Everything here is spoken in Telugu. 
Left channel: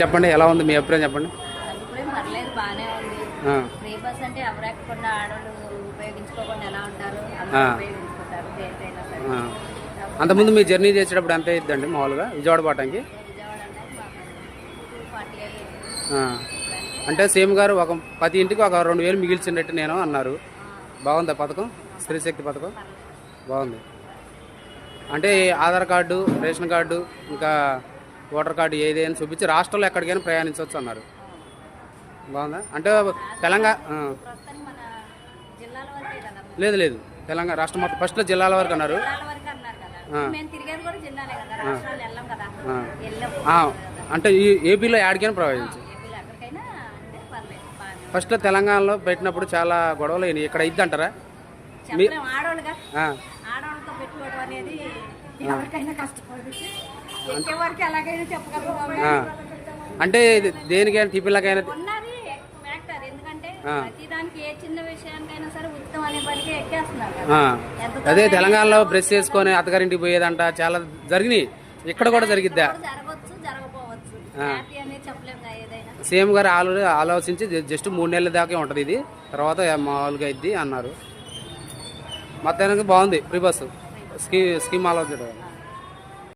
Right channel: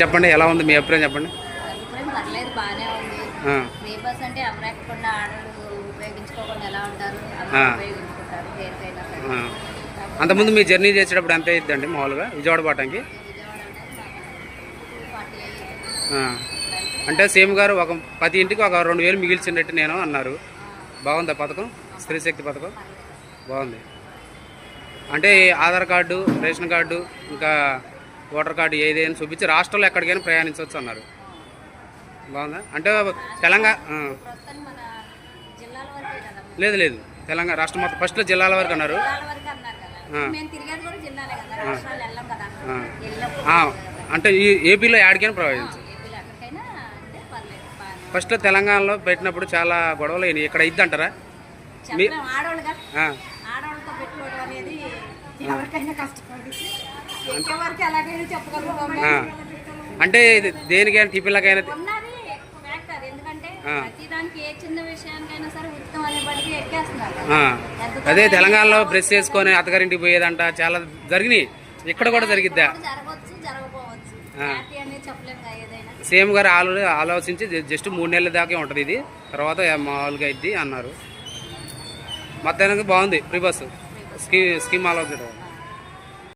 చెప్పండి, ఎలా ఉంది మీ అభిప్రాయం చెప్పండి. అభిప్రాయం పర్లేదు, బాగానే ఉంది. ఫ్రీ బస్ అంటే ఎవరు ఎక్కకుండా ఆడవాళ్ళు ఉపయోగించుకోకుండా ఎలా ఉంటారు, అందరూ ఉపయోగించుకుంటారు దేనికైనా సరే. అంతకుముందు మీ జర్నీ చేసేటప్పుడు ఎంత అయ్యిద్దండి మామూలుగా విజయవాడ పోవటానికి? విజయవాడ అంటే 240 అంటే సీఎం గారు ఒక 10 ఇంటికి ఒక 2000 మిగిల్చినట్టు నేను అన్నారు. బాగుందా పథకం? స్త్రీ శక్తి పథకం బాగుంది. అంటే ఆధార్ కార్డు, రేషన్ కార్డు, ఇంకా ఓటర్ కార్డు ఏదైనా చూపించి రాష్ట్రంలో ఎక్కడికైనా ప్రయాణించవచ్చు అన్నారు. బాగుందా? అంటే తెలంగాణ లేదు లేదు తెలంగాణ రాష్ట్రం మొత్తం ఫస్ట్లో జిల్లాల వరకు అన్నారు. అంటే ఈ ఏపీలో యాడికైనా ప్రవేశించు. ఫస్ట్లో తెలంగాణలో పెట్టినప్పుడు చాలా గొడవలు అయినాయి. ఇక్కడ ఇద్ది అంటారా? అంటే దేనికైనా టిఫిన్లకైనా అదే తెలంగాణలో బ్రష్ చేసుకొని అత్తగారింటికి పోయేదంట చాలా జరిగినాయి. ఇక్కడ కూడా జరిగిద్దా? సీఎం గారు ఆలోచించి జస్ట్ 3 నెలల దాకే ఉంటుంది ఇది, తర్వాత మామూలుగా ఇద్ది అన్నారు. మొత్తానికి బాగుంది ఫ్రీ బస్సు స్కీమ్ ఆలోచించడం.